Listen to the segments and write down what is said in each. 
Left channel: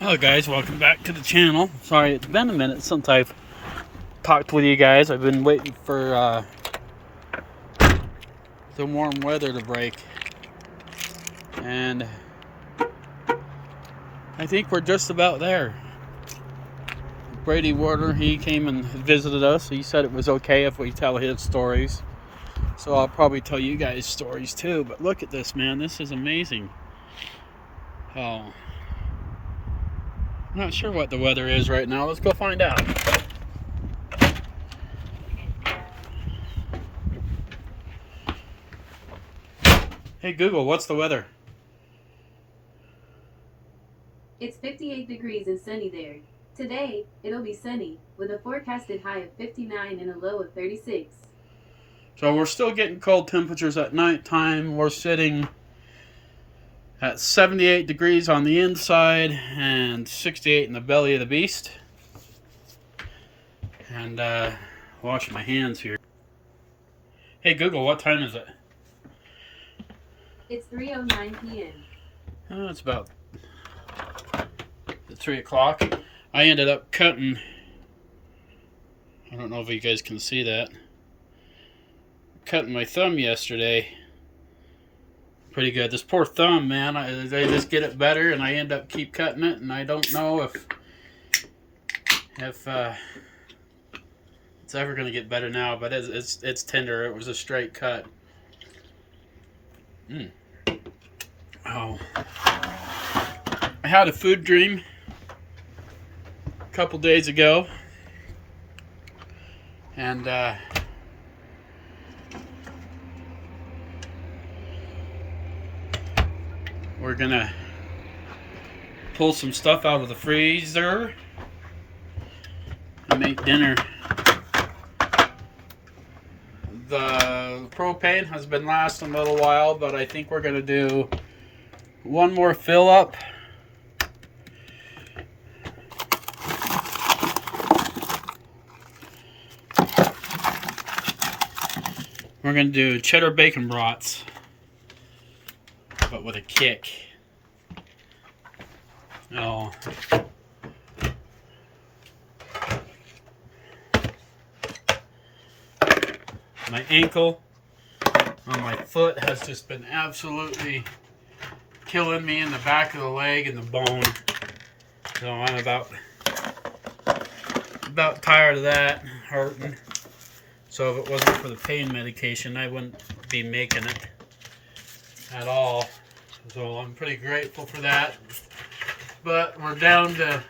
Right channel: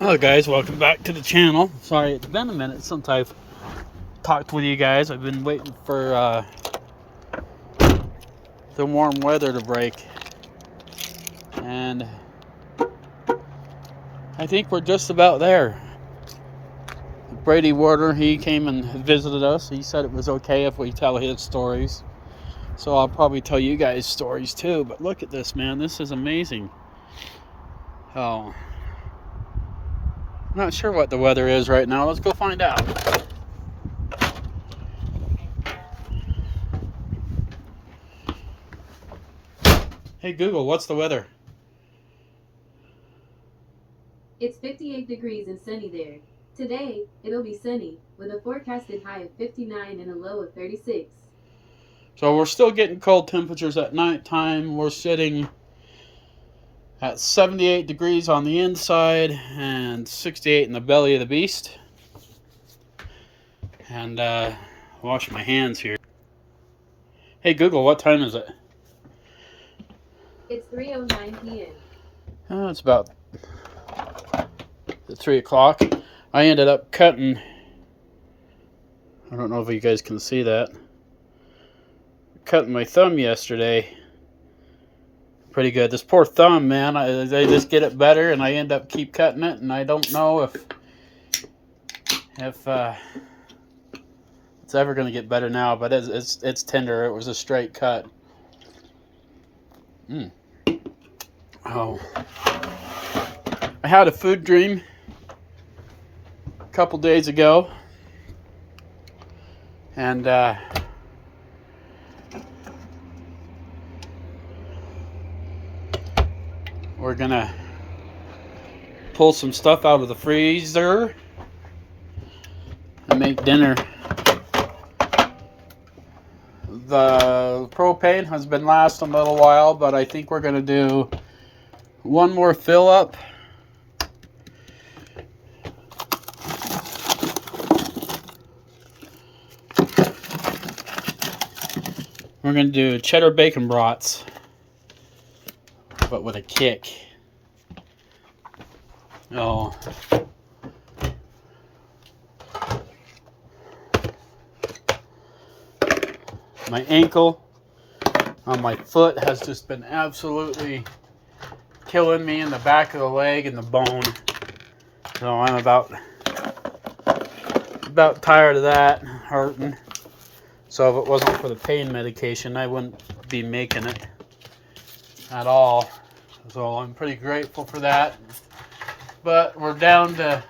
Hello guys, welcome back to the channel. Sorry, it's been a minute since I've talked with you guys. I've been waiting for the warm weather to break. And I think we're just about there. Brady Brady, he came and visited us. He said it was okay if we tell his stories. So I'll probably tell you guys stories too. But look at this, man. This is amazing. Oh, I'm not sure what the weather is right now. Let's go find out. Hey Google, what's the weather? It's 58 degrees and sunny there. Today, it'll be sunny, with a forecasted high of 59 and a low of 36. So we're still getting cold temperatures at nighttime. We're sitting at 78 degrees on the inside and 68 in the belly of the beast. And wash my hands here. Hey Google, what time is it? It's 3:09 p.m. Oh, it's about 3 o'clock. I ended up cutting, I don't know if you guys can see that, cutting my thumb yesterday. Pretty good. This poor thumb, man, I just get it better and I end up keep cutting it, and I don't know if it's ever going to get better now, but it's tender. It was a straight cut. Oh, I had a food dream a couple days ago, and we're gonna pull some stuff out of the freezer and make dinner. The propane has been lasting a little while, but I think we're gonna do one more fill up. We're gonna do cheddar bacon brats, but with a kick. Oh, my ankle on my foot has just been absolutely killing me in the back of the leg and the bone. So I'm about tired of that hurting. So if it wasn't for the pain medication, I wouldn't be making it at all. So I'm pretty grateful for that. But we're down to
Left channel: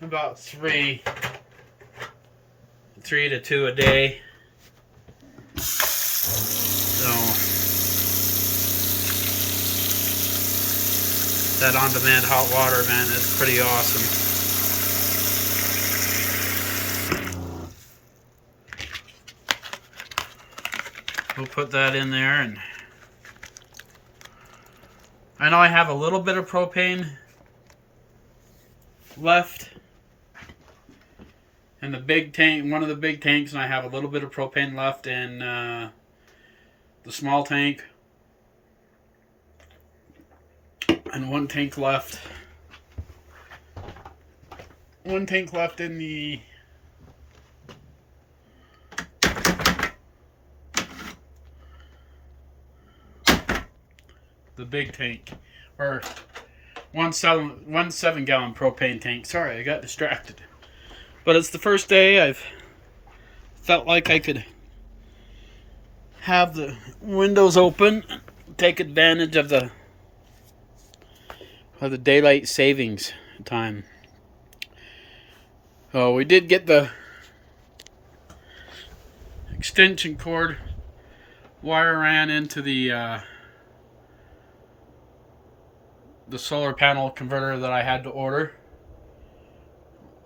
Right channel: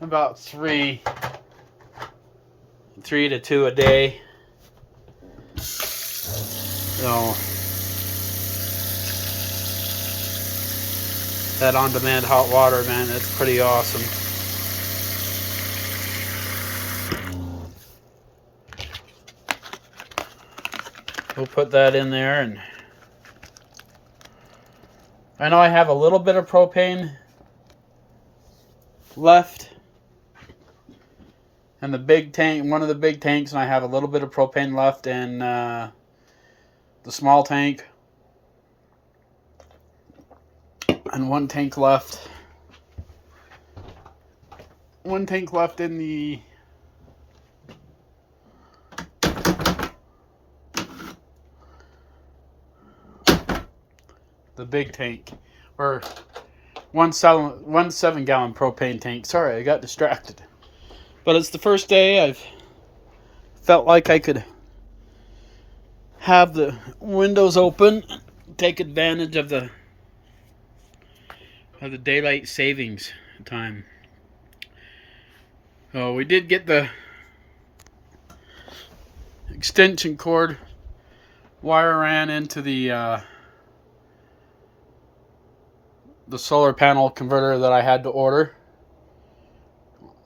about three to two a day. So that on-demand hot water, man, it's pretty awesome. We'll put that in there, and I know I have a little bit of propane left in the big tank, one of the big tanks, and I have a little bit of propane left in the small tank, and one tank left in the big tank, or one 7-gallon propane tank. Sorry, I got distracted. But it's the first day I've felt like I could have the windows open, take advantage of the daylight savings time. Oh, we did get the extension cord wire ran into the solar panel converter that I had to order,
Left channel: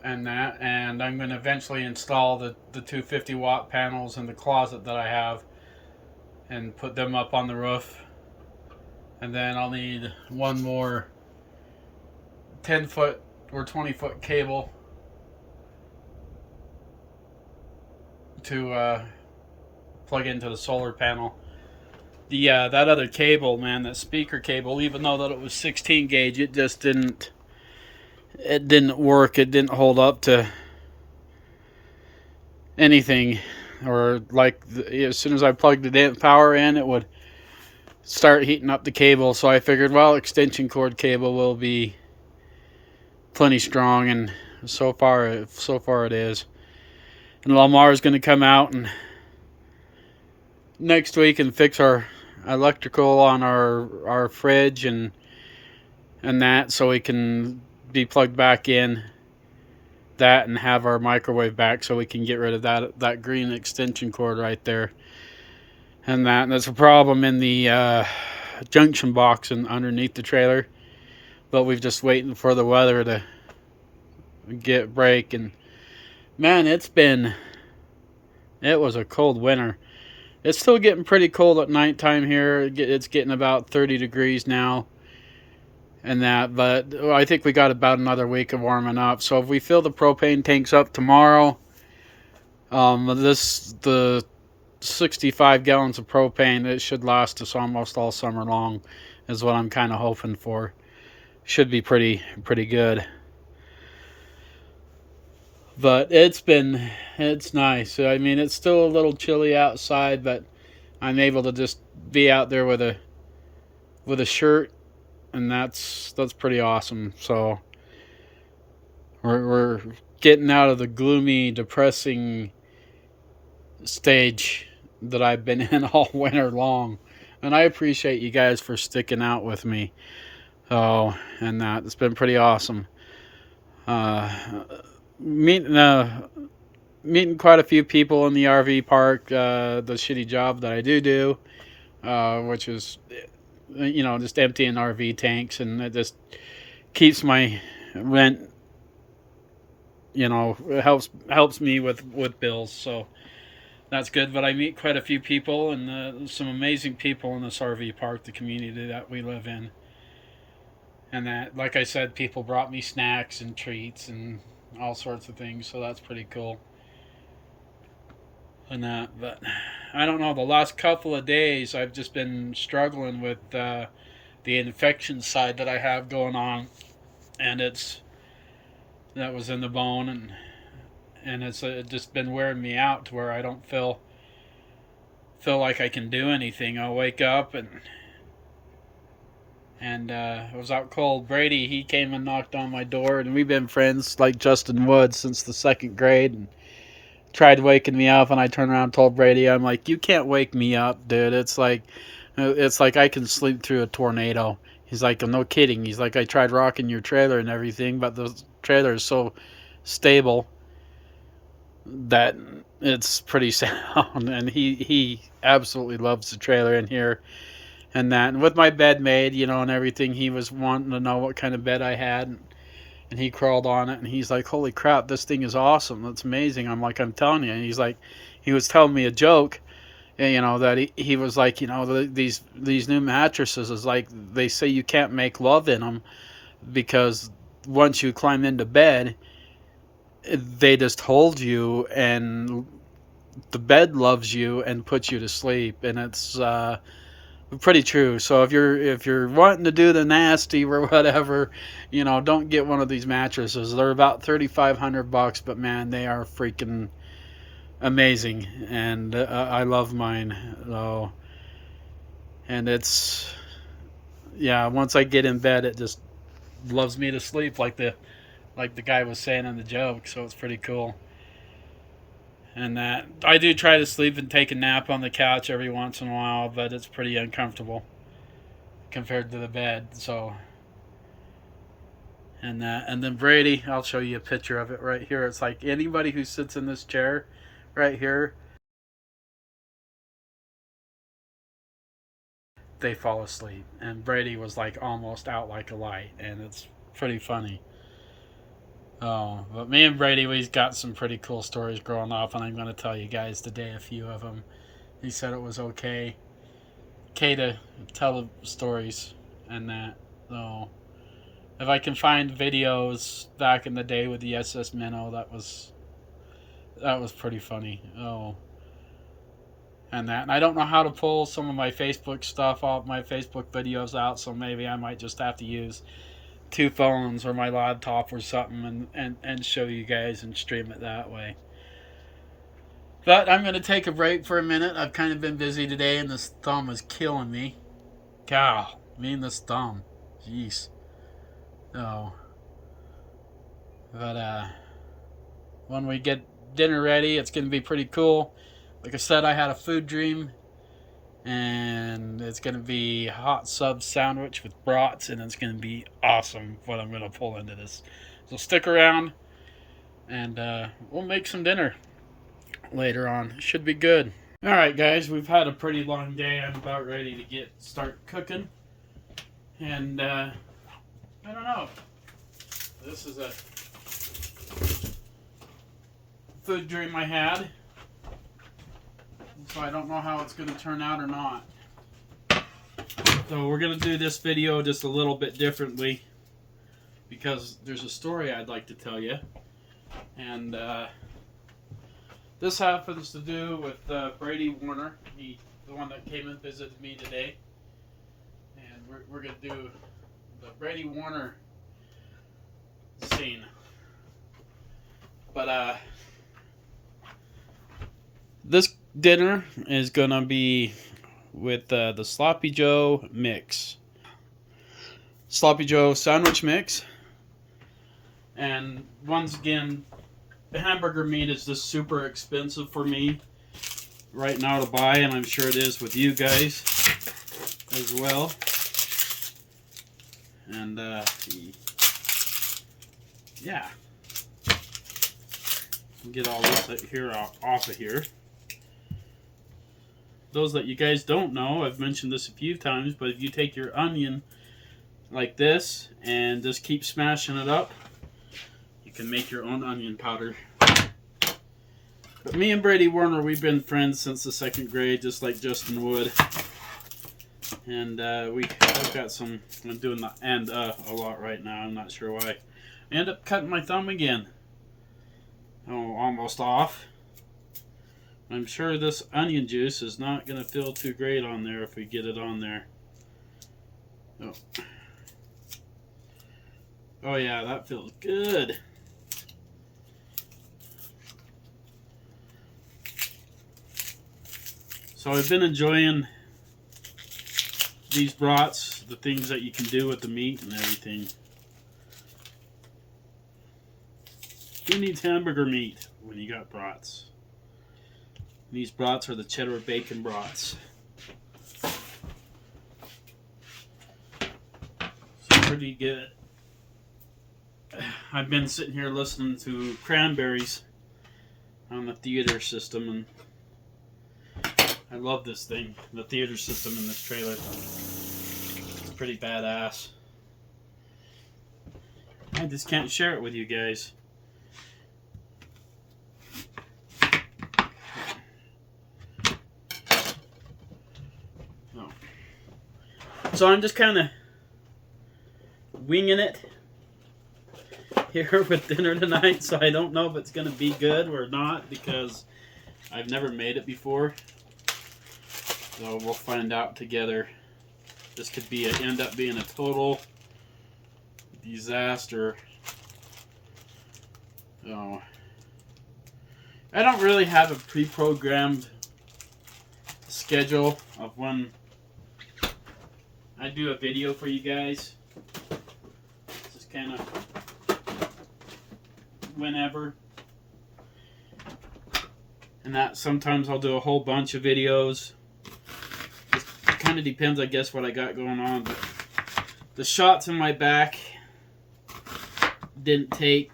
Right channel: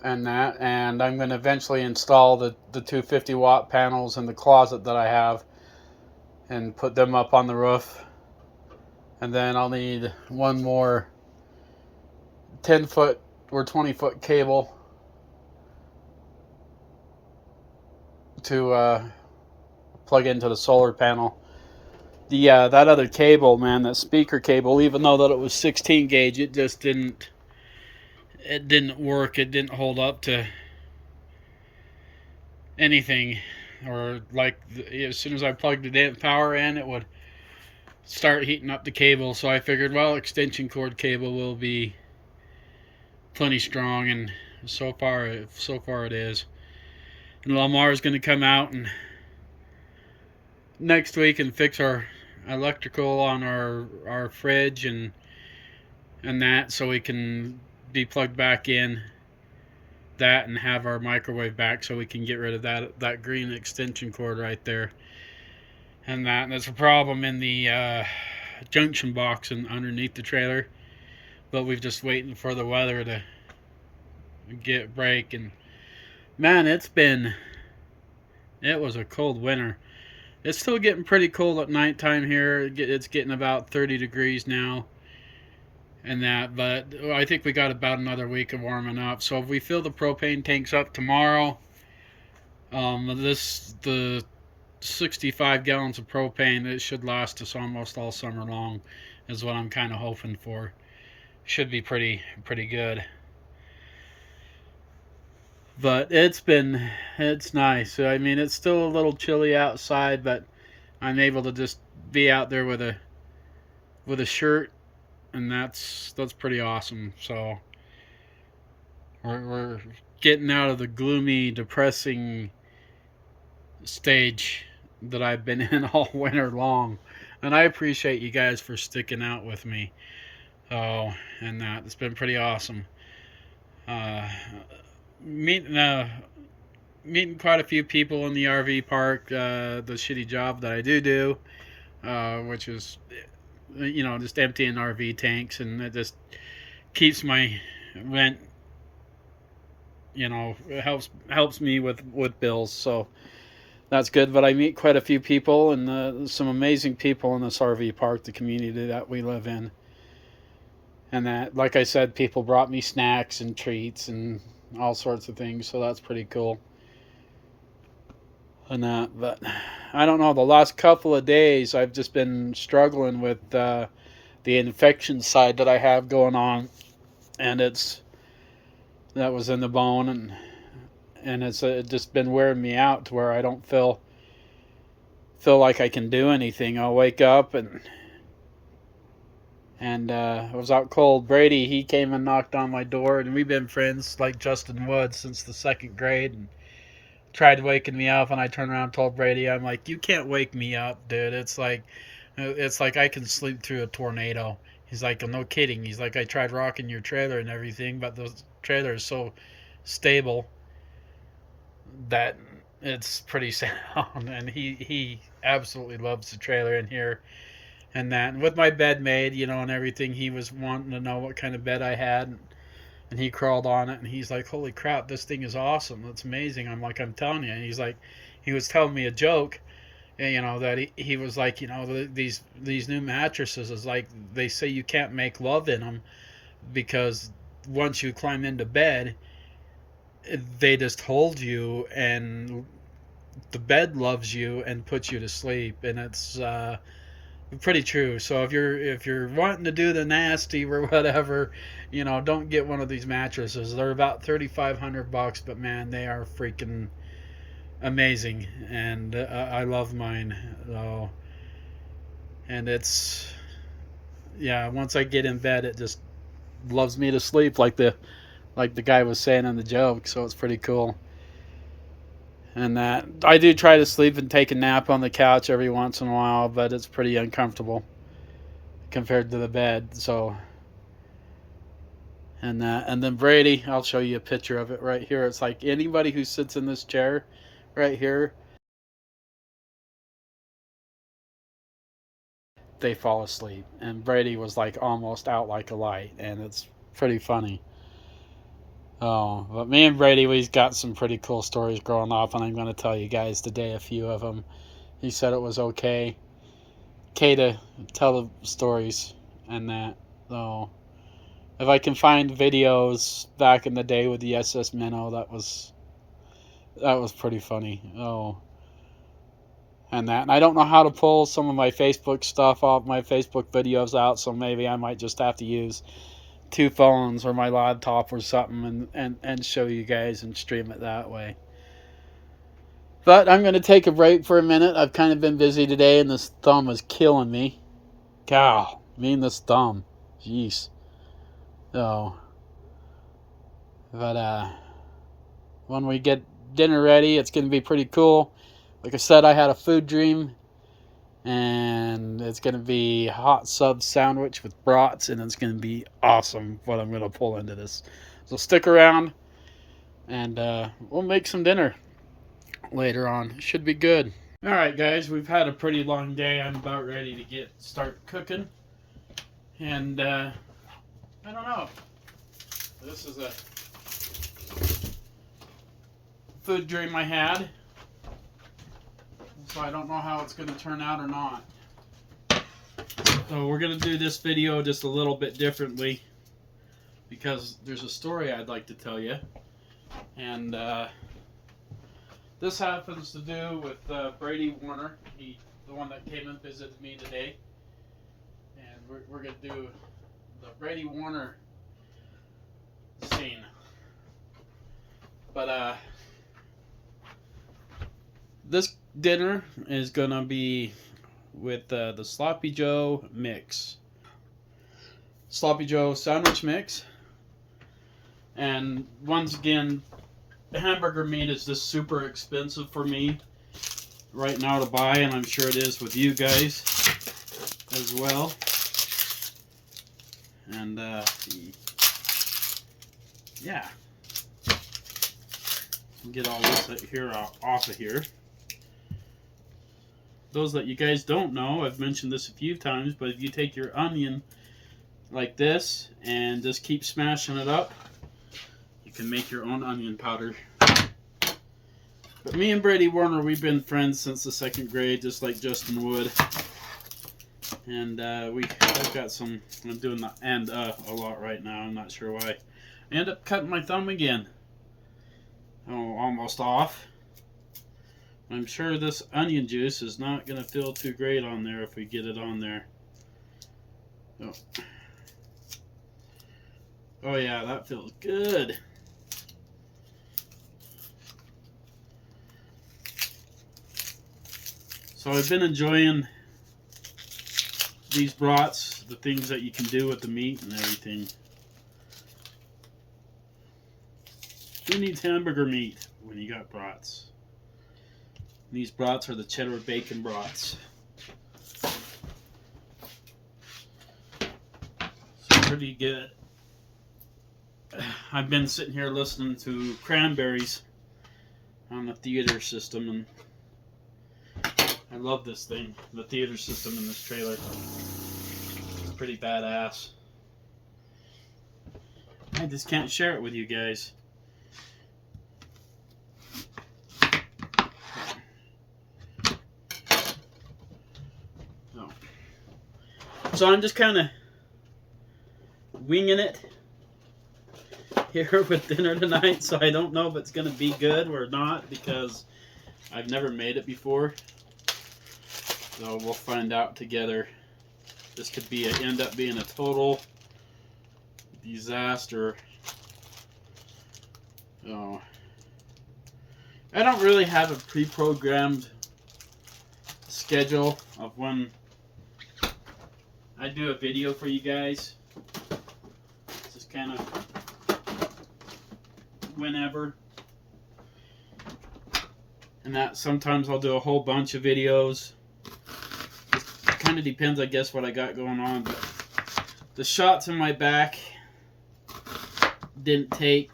and I'm going to eventually install the 250-watt panels in the closet that I have and put them up on the roof. And then I'll need one more 10-foot or 20-foot cable to plug into the solar panel. that other cable, man, that speaker cable, even though that it was 16 gauge, it just didn't work. It didn't hold up to anything, or like as soon as I plugged the power in, it would start heating up the cable. So I figured, well, extension cord cable will be plenty strong, and so far it is. And Lamar is going to come out and next week and fix our electrical on our fridge and that, so we can be plugged back in that and have our microwave back, so we can get rid of that green extension cord right there. And that's a problem in the junction box and underneath the trailer, but we've just waiting for the weather to get break. And man, it was a cold winter. It's still getting pretty cold at nighttime here. It's getting about 30 degrees now and that, but I think we got about another week of warming up. So if we fill the propane tanks up tomorrow, the 65 gallons of propane, it should last us almost all summer long, is what I'm kind of hoping for. Should be pretty good. But it's nice. I mean, it's still a little chilly outside, but I'm able to just be out there with a shirt, and that's pretty awesome. So we're getting out of the gloomy, depressing stage that I've been in all winter long, and I appreciate you guys for sticking out with me. Oh, and it's been pretty awesome. Meeting quite a few people in the RV park. The shitty job that I do, which is, just emptying RV tanks, and it just keeps my rent. It helps me with bills, so that's good. But I meet quite a few people, and some amazing people in this RV park, the community that we live in. And that, like I said, people brought me snacks and treats and all sorts of things, so that's pretty cool. And but I don't know, the last couple of days I've just been struggling with the infection side that I have going on, and that was in the bone, and it's just been wearing me out to where I don't feel like I can do anything. I'll wake up and I was out cold. Brady, he came and knocked on my door, and we've been friends like Justin Woods since the second grade, and tried waking me up, and I turned around and told Brady, I'm like, you can't wake me up, dude. It's like I can sleep through a tornado. He's like, no kidding. He's like, I tried rocking your trailer and everything, but the trailer is so stable that it's pretty sound. And he absolutely loves the trailer in here. And with my bed made, and everything, he was wanting to know what kind of bed I had, and he crawled on it, and he's like, holy crap, this thing is awesome, that's amazing. I'm like, I'm telling you. And he's like, he was telling me a joke, that he was like, these new mattresses is like, they say you can't make love in them, because once you climb into bed, they just hold you, and the bed loves you and puts you to sleep. And it's pretty true. So if you're wanting to do the nasty or whatever, don't get one of these mattresses. They're about $3,500, but man, they are freaking amazing, and I love mine. So, and once I get in bed, it just loves me to sleep, like the guy was saying in the joke. So it's pretty cool. And that I do try to sleep and take a nap on the couch every once in a while, but it's pretty uncomfortable compared to the bed. So, and then Brady, I'll show you a picture of it right here. It's like anybody who sits in this chair right here, they fall asleep. And Brady was like almost out like a light, and it's pretty funny. Oh, but me and Brady, we've got some pretty cool stories growing up, and I'm going to tell you guys today a few of them. He said it was okay to tell the stories and that. So if I can find videos back in the day with the SS Minnow, that was pretty funny. Oh, and that. And I don't know how to pull some of my Facebook stuff off, my Facebook videos out, so maybe I might just have to use two phones or my laptop or something and show you guys and stream it that way. But I'm going to take a break for a minute. I've kind of been busy today, and this thumb is killing me. Cow, me and this thumb. Jeez. So, but when we get dinner ready, it's going to be pretty cool. Like I said, I had a food dream, and it's going to be a hot sub sandwich with brats, and it's going to be awesome what I'm going to pull into this. So stick around, and we'll make some dinner later on. Should be good. All right, guys, we've had a pretty long day. I'm about ready to start cooking, and I don't know. This is a food dream I had, so I don't know how it's going to turn out or not. So we're going to do this video just a little bit differently because there's a story I'd like to tell you, and this happens to do with Brady Warner, the one that came and visited me today. And we're going to do the Brady Warner scene. But this dinner is going to be with the Sloppy Joe mix. Sloppy Joe sandwich mix. And once again, hamburger meat is just super expensive for me right now to buy, and I'm sure it is with you guys as well. And yeah, get all this here off of here. Those that you guys don't know, I've mentioned this a few times, but if you take your onion like this and just keep smashing it up, you can make your own onion powder. But me and Brady Warner, we've been friends since the 2nd grade, just like Justin Wood. And I've got some, I'm doing the a lot right now, I'm not sure why. I end up cutting my thumb again. Oh, almost off. I'm sure this onion juice is not going to feel too great on there if we get it on there. Oh, oh yeah, that feels good. So I've been enjoying these brats, the things that you can do with the meat and everything. Who needs hamburger meat when you got brats? These brats are the cheddar bacon brats. So pretty good. I've been sitting here listening to Cranberries on the theater system, and I love this thing, the theater system in this trailer. It's pretty badass. I just can't share it with you guys. So I'm just kind of winging it here with dinner tonight, so I don't know if it's going to be good or not because I've never made it before. So we'll find out together. This could be end up being a total disaster. So I don't really have a pre-programmed schedule of when I do a video for you guys. Just kind of whenever. And that sometimes I'll do a whole bunch of videos. It kind of depends, I guess, what I got going on. But the shots in my back didn't take,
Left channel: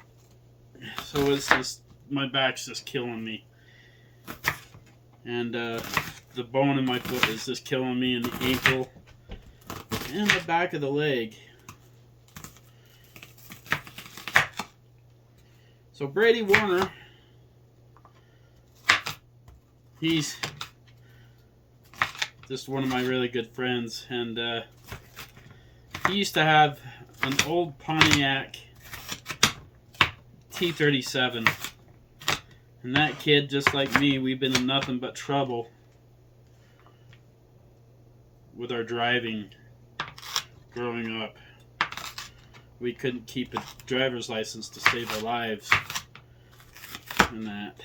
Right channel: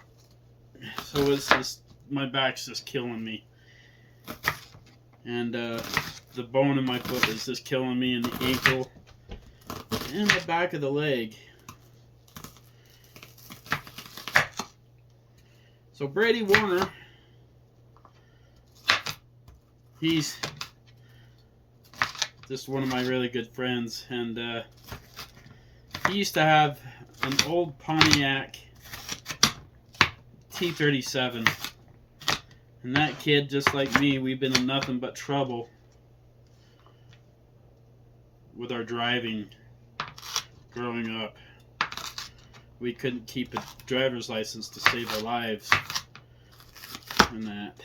so it's just, my back's just killing me. And the bone in my foot is just killing me, and the ankle and the back of the leg. So Brady Warner, he's just one of my really good friends, and he used to have an old Pontiac T37, and that kid, just like me, we've been in nothing but trouble with our driving growing up. We couldn't keep a driver's license to save our lives and that.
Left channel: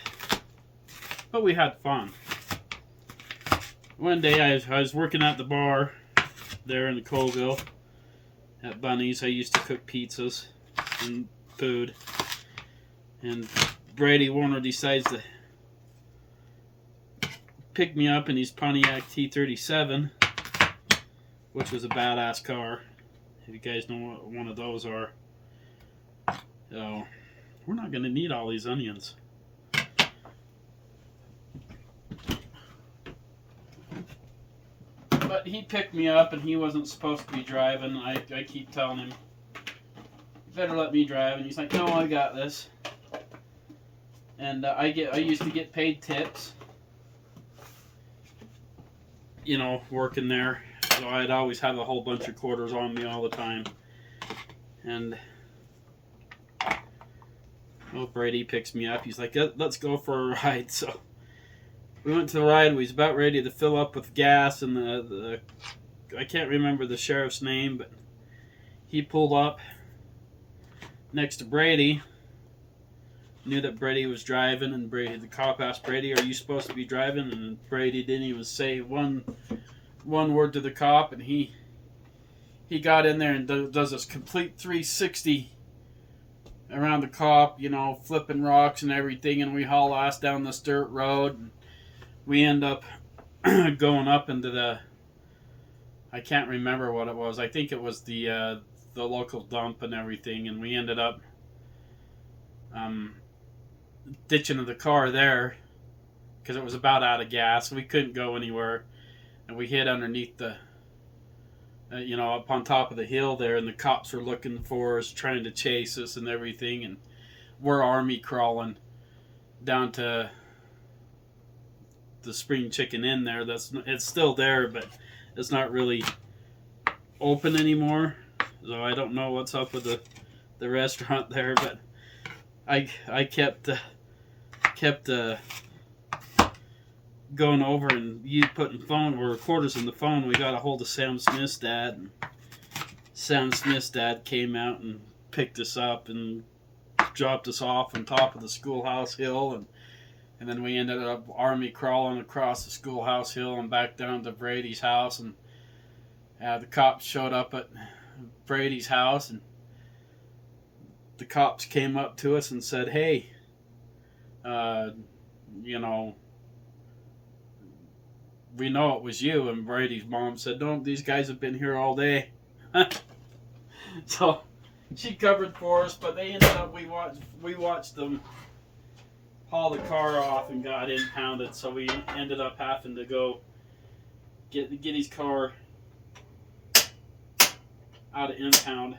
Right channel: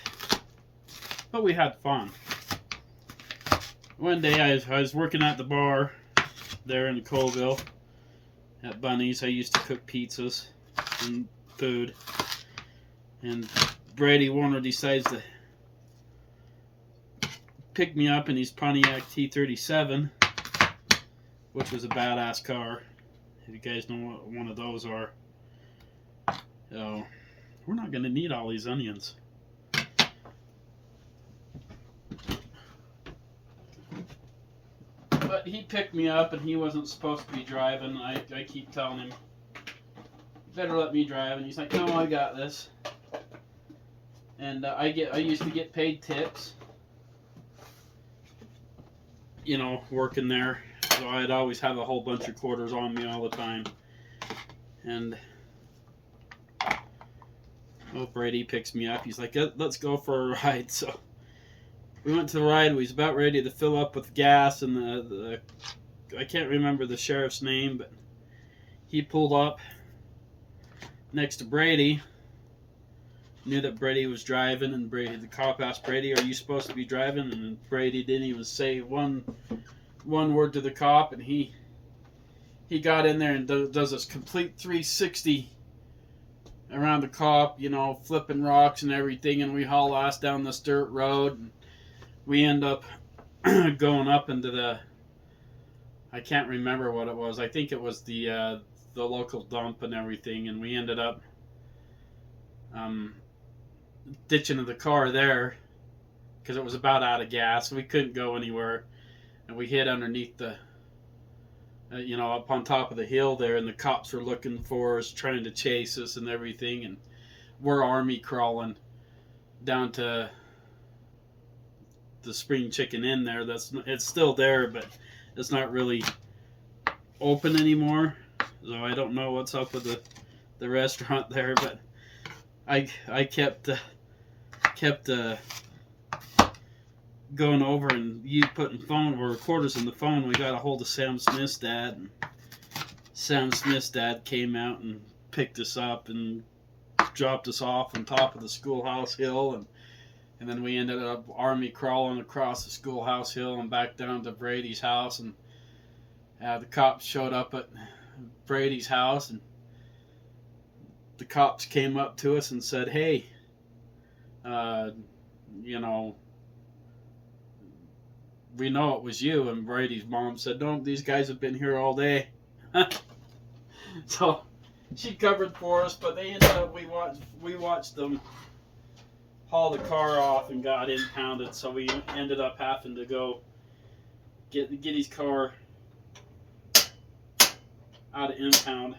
But we had fun. One day I was working at the bar there in Colville at Bunny's. I used to cook pizzas and food. And Brady Warner decides to pick me up in his Pontiac T37, which was a badass car. If you guys know what one of those are. So, we're not going to need all these onions. But he picked me up and he wasn't supposed to be driving. I keep telling him, you better let me drive. And he's like, no, I got this. And I used to get paid tips, you know, working there. So I'd always have a whole bunch of quarters on me all the time. And Brady picks me up. He's like, let's go for a ride. So we went to the ride. We was about ready to fill up with gas, and the I can't remember the sheriff's name, but he pulled up next to Brady. Knew that Brady was driving, and the cop asked Brady, "Are you supposed to be driving?" And Brady didn't even say one word to the cop, and he got in there and does this complete 360 around the cop, you know, flipping rocks and everything, and we haul ass down this dirt road, and we end up going up into the, I can't remember what it was. I think it was the local dump and everything, and we ended up ditching the car there because it was about out of gas. We couldn't go anywhere, and we hid underneath the, you know, up on top of the hill there, and the cops were looking for us, trying to chase us and everything, and we're army crawling down to the Spring Chicken Inn there. It's still there, but it's not really open anymore. So I don't know what's up with the restaurant there, but I kept going over and you putting recorders in the phone. We got a hold of Sam Smith's dad, and Sam Smith's dad came out and picked us up and dropped us off on top of the schoolhouse hill, and then we ended up army crawling across the schoolhouse hill and back down to Brady's house, and the cops showed up at Brady's house, and the cops came up to us and said, "Hey, you know, we know it was you." And Brady's mom said, "No, these guys have been here all day." So she covered for us, but they ended up, we watched them haul the car off and got impounded. So we ended up having to go get his car out of impound.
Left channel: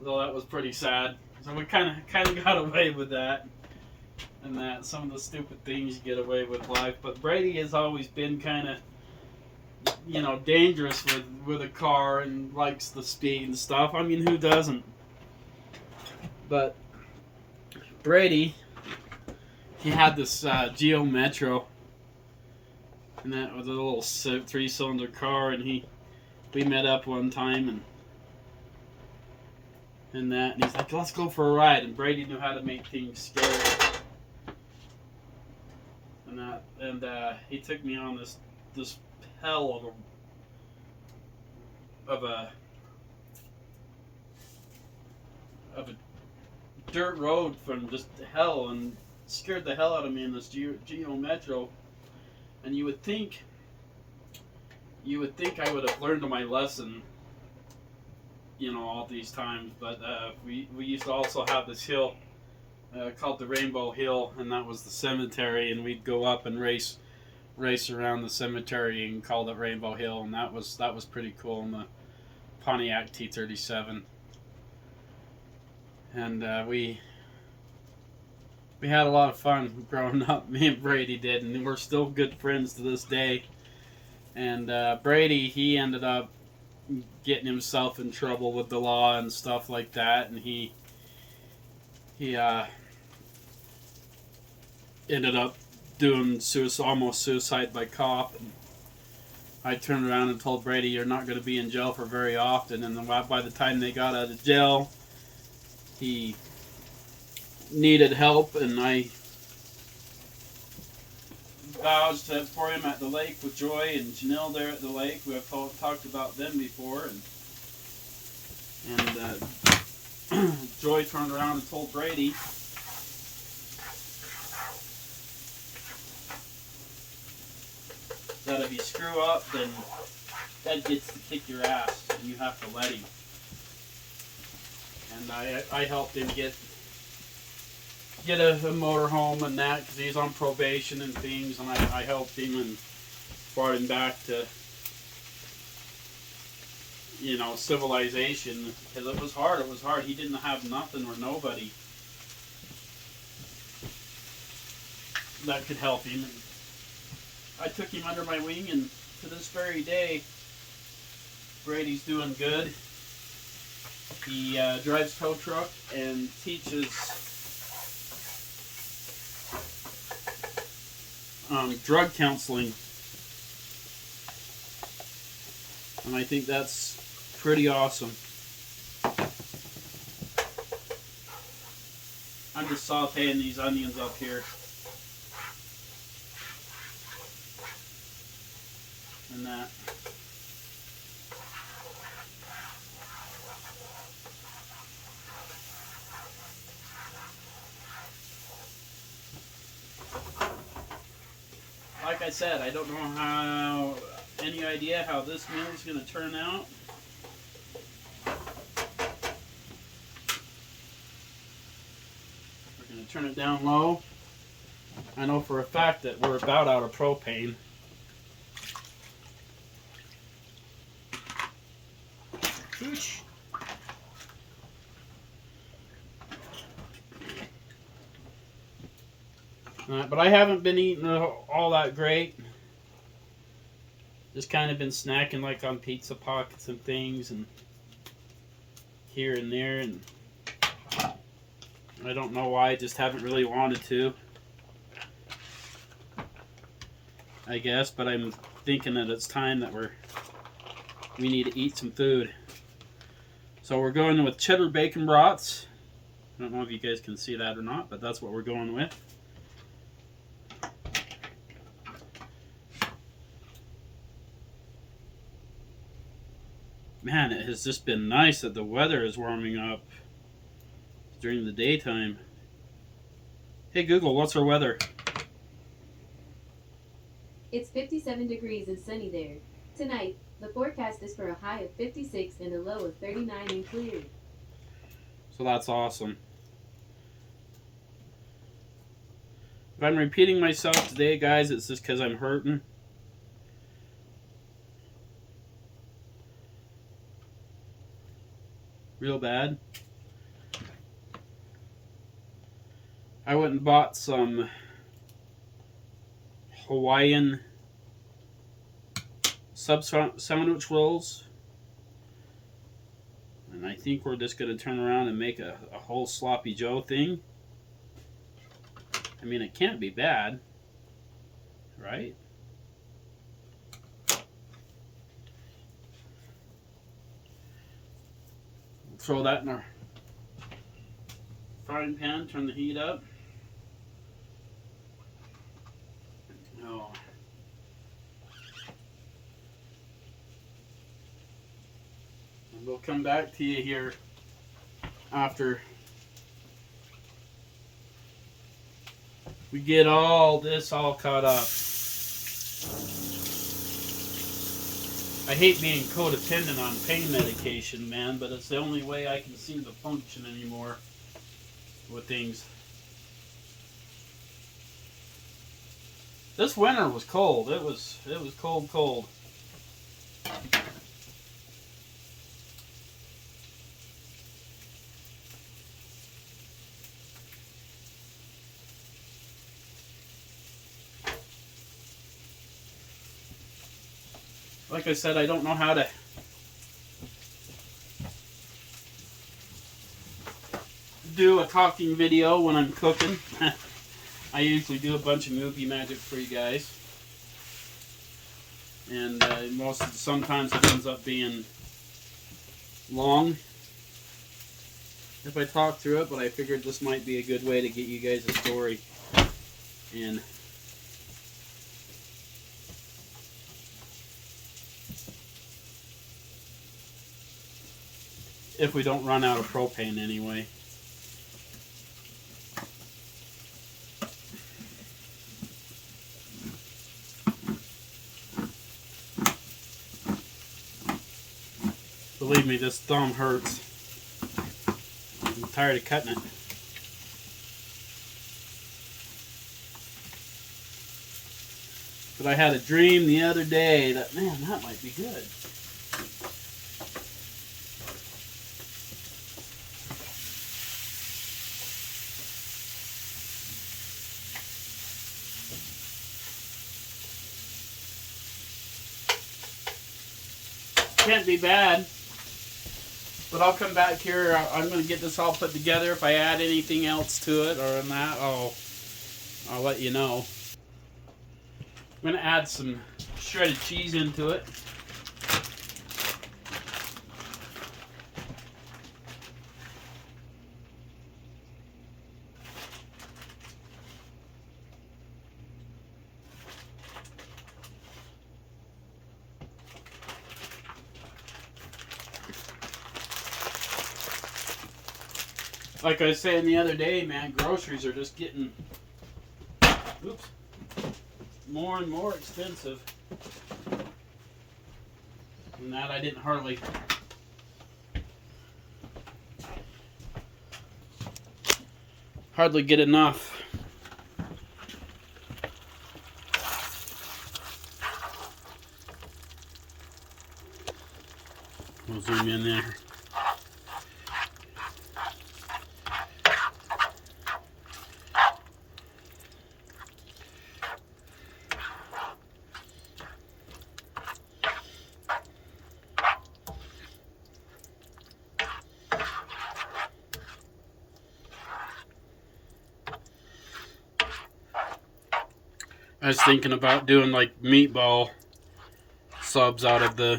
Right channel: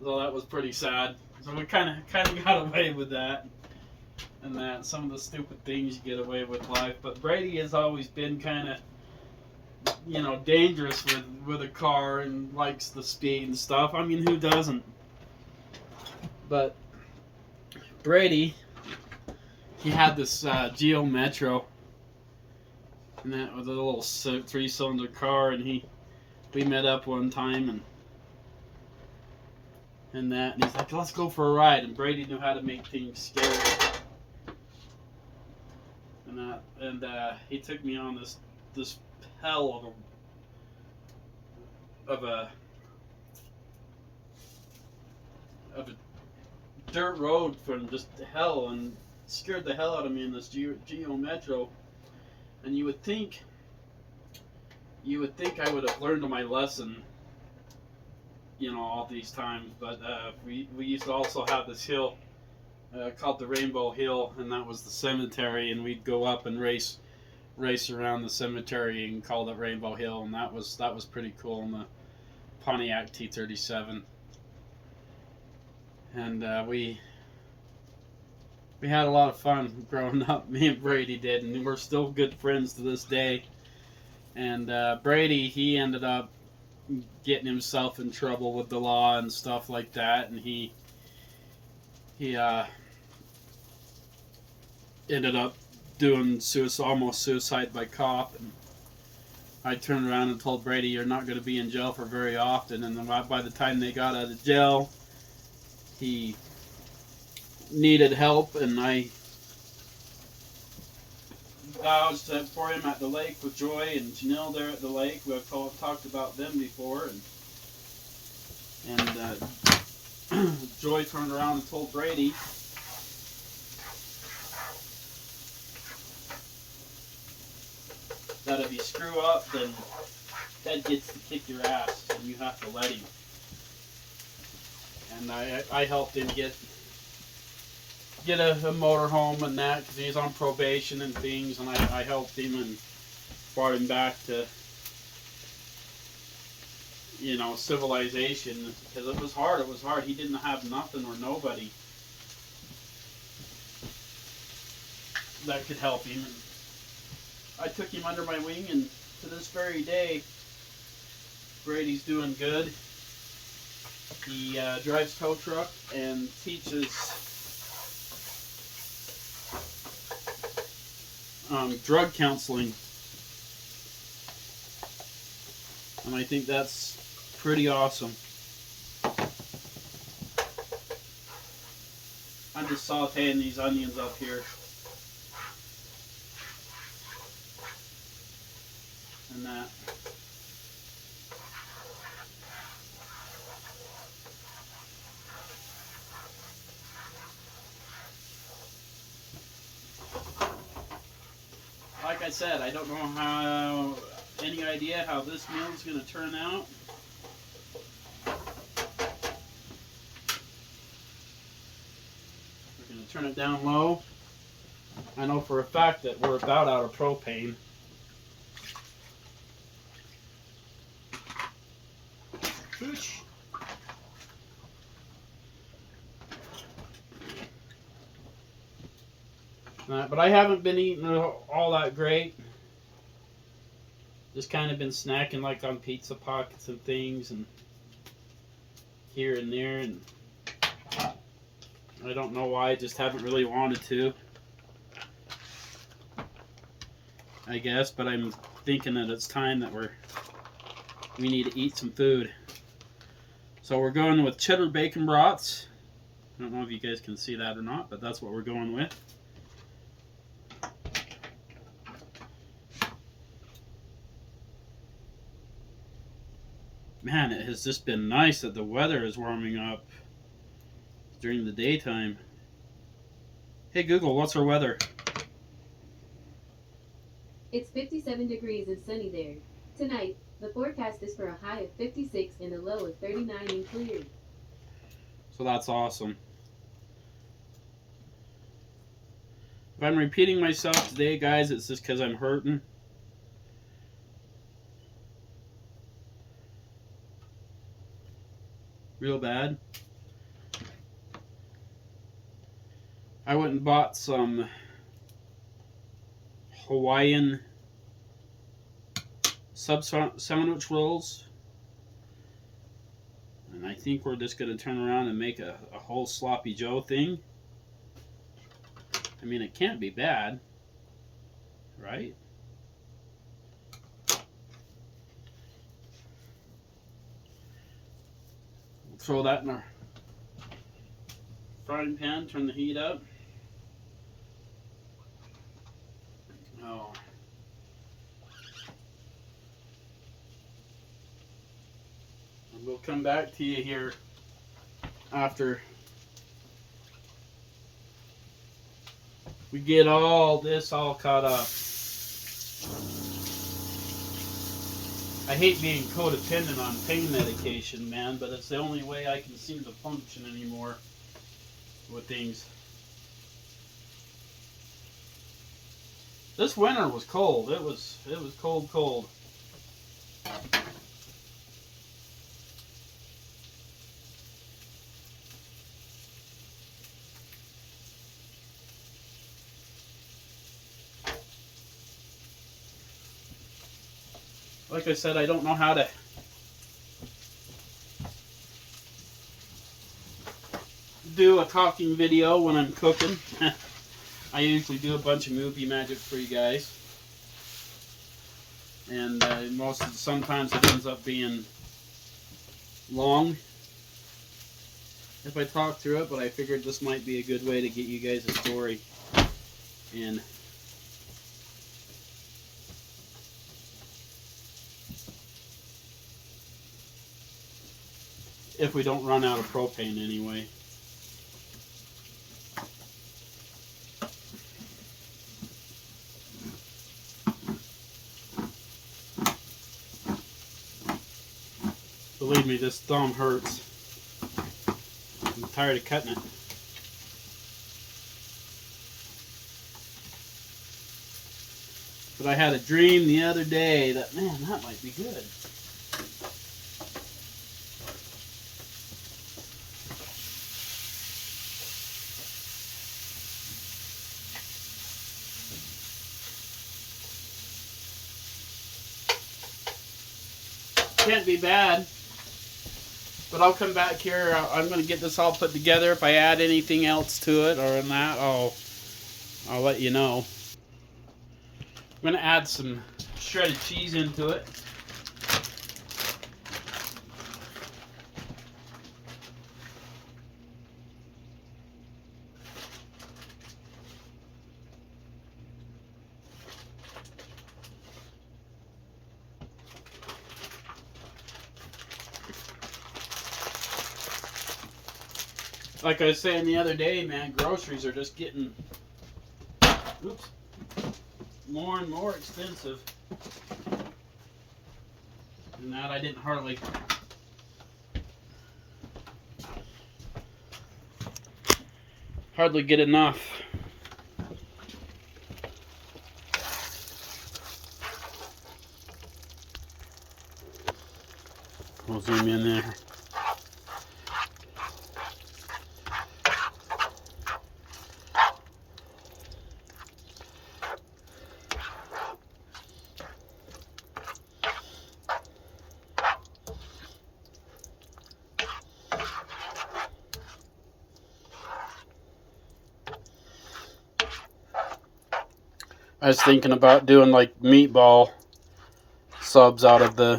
So that was pretty sad. So we kind of got away with that. And that some of the stupid things you get away with life. But Brady has always been kind of, you know, dangerous with a car and likes the speed and stuff. I mean, who doesn't? But Brady, he had this Geo Metro, and that was a little 3-cylinder car, and we met up one time and he's like, "Let's go for a ride." And Brady knew how to make things scary. And he took me on this hell of a dirt road from just hell, and scared the hell out of me in this Geo Metro. And you would think I would have learned my lesson, you know, all these times. But we used to also have this hill called the Rainbow Hill, and that was the cemetery, and we'd go up and race around the cemetery and call it Rainbow Hill, and that was pretty cool in the Pontiac T37. And we had a lot of fun growing up. Me and Brady did, and we're still good friends to this day. And Brady, he ended up getting himself in trouble with the law and stuff like that, and he ended up doing almost suicide by cop, I turned around and told Brady, "You're not going to be in jail for very often." And then by the time they got out of jail, he needed help, and I vouched for him at the lake with Joy and Janelle there at the lake. We've talked about them before, and Joy turned around and told Brady that if you screw up, then Dad gets to kick your ass, and you have to let him. And I helped him get a motor home and that, because he's on probation and things, and I helped him and brought him back to, civilization, because it was hard. He didn't have nothing or nobody that could help him. And I took him under my wing, and to this very day, Brady's doing good. He drives tow truck and teaches drug counseling, and I think that's pretty awesome. I'm just sauteing these onions up here, and that. Like I said, I don't know any idea how this meal is going to turn out. We're going to turn it down low. I know for a fact that we're about out of propane. Whoosh. But I haven't been eating all that great. Just kind of been snacking like on pizza pockets and things, and here and there, and I don't know why. I just haven't really wanted to, I guess. But I'm thinking that it's time that we need to eat some food. So we're going with cheddar bacon brats. I don't know if you guys can see that or not, but that's what we're going with. Man, it has just been nice that the weather is warming up during the daytime. Hey Google, what's our weather? It's 57 degrees and sunny there. Tonight, the forecast is for a high of 56 and a low of 39 and clear. So that's awesome. If I'm repeating myself today, guys, it's just because I'm hurting. Real bad. I went and bought some Hawaiian sub sandwich rolls, and I think we're just going to turn around and make a whole sloppy Joe thing. I mean, it can't be bad, right? Throw that in our frying pan, turn the heat up. Oh. And we'll come back to you here after we get all this all caught up. I hate being codependent on pain medication, man, but it's the only way I can seem to function anymore with things. This winter was cold. It was cold. Like I said, I don't know how to do a talking video when I'm cooking. I usually do a bunch of movie magic for you guys. and sometimes it ends up being long if I talk through it, but I figured this might be a good way to get you guys a story. And if we don't run out of propane anyway. Believe me, this thumb hurts. I'm tired of cutting it. But I had a dream the other day that, man, that might be good. Can't be bad. But I'll come back here. I'm going to get this all put together. If I add anything else to it or in that, I'll let you know. I'm going to add some shredded cheese into it. Like I was saying the other day, man, groceries are just getting more and more expensive. And that I didn't hardly get enough. We'll zoom in there. I was thinking about doing like meatball subs out of the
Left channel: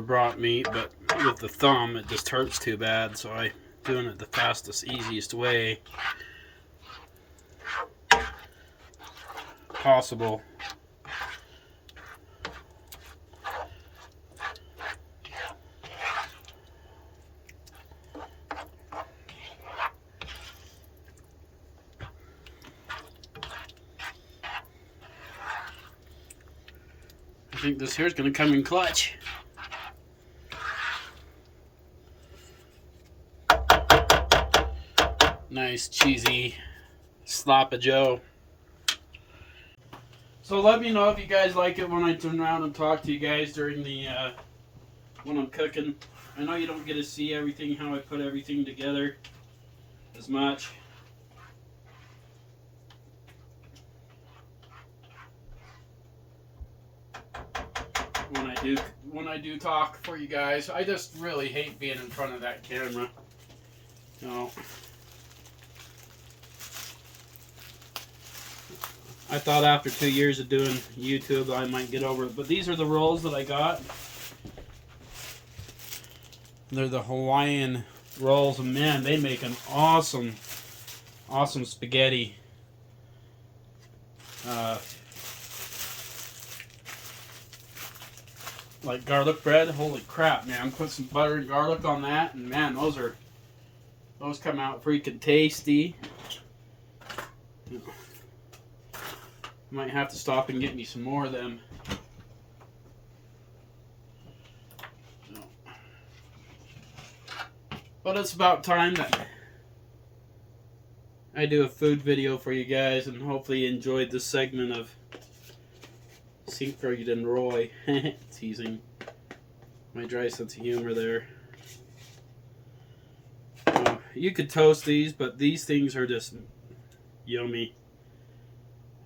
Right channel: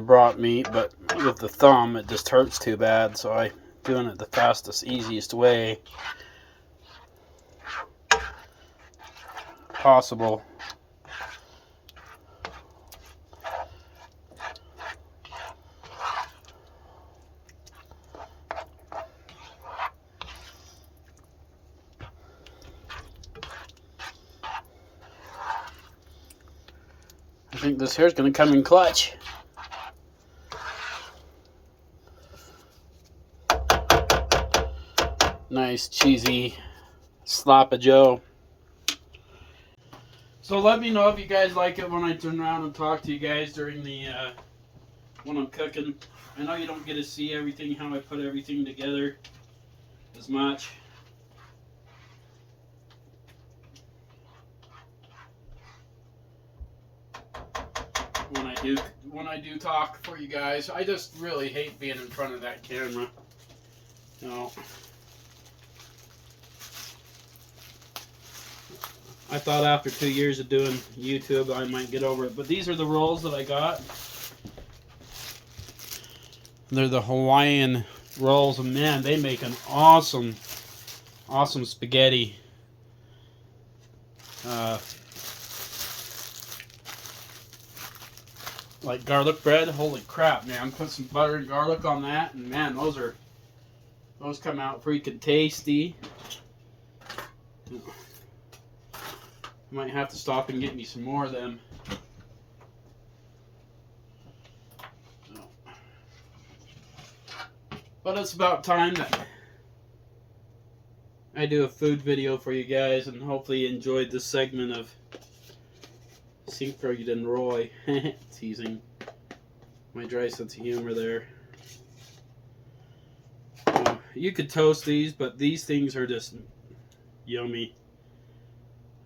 brat meat, but with the thumb it just hurts too bad, so I'm doing it the fastest, easiest way possible. I think this hair's going to come in clutch. Nice cheesy slap of Joe. So let me know if you guys like it when I turn around and talk to you guys during the when I'm cooking. I know you don't get to see everything, how I put everything together as much. When I do talk for you guys, I just really hate being in front of that camera. No. I thought after 2 years of doing YouTube I might get over it, but these are the rolls that I got. They're the Hawaiian rolls, and man, they make an awesome spaghetti. Like garlic bread. Holy crap, man! Put some butter and garlic on that, and man, those come out freaking tasty. Might have to stop and get me some more of them. But it's about time that I do a food video for you guys, and hopefully you enjoyed this segment of Siegfried and Roy. Teasing my dry sense of humor there. You could toast these, but these things are just yummy.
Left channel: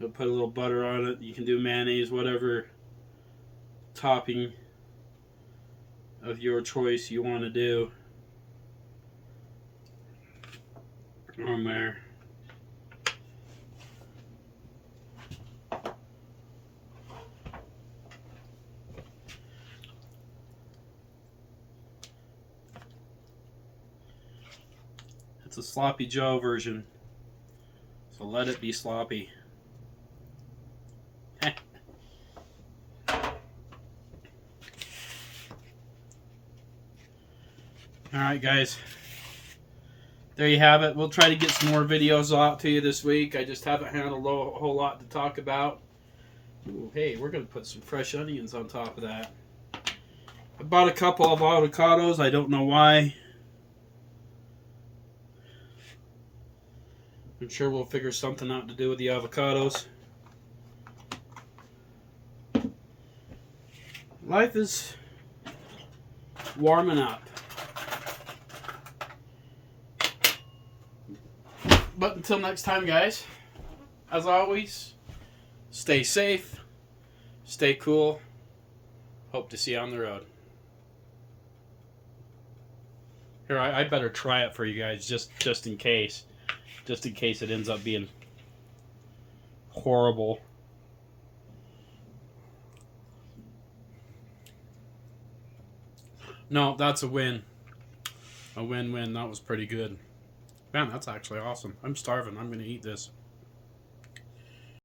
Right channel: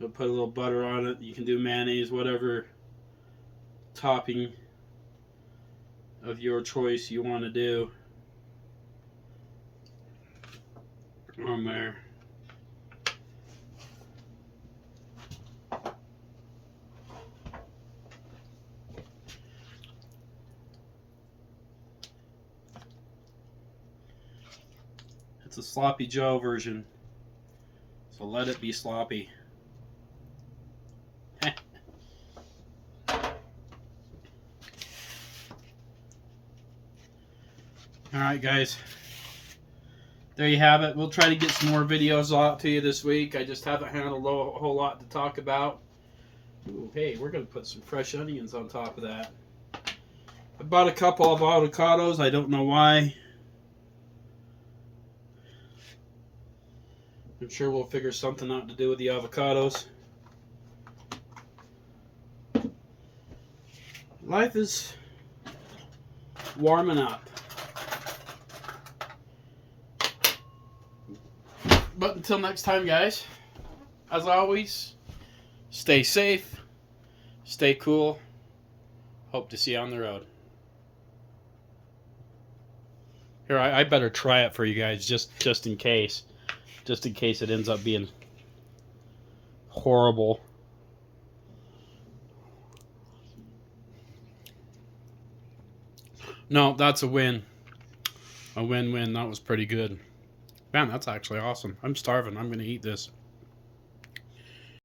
I'll put a little butter on it. You can do mayonnaise, whatever topping of your choice you want to do on there. It's a Sloppy Joe version. So let it be sloppy. Alright guys, there you have it. We'll try to get some more videos out to you this week. I just haven't had a whole lot to talk about. Ooh, hey, we're going to put some fresh onions on top of that. I bought a couple of avocados. I don't know why. I'm sure we'll figure something out to do with the avocados. Life is warming up. But until next time, guys, as always, stay safe, stay cool. Hope to see you on the road. Here, I better try it for you guys just in case. Just in case it ends up being horrible. No, that's a win. A win-win. That was pretty good. Man, that's actually awesome. I'm starving. I'm going to eat this.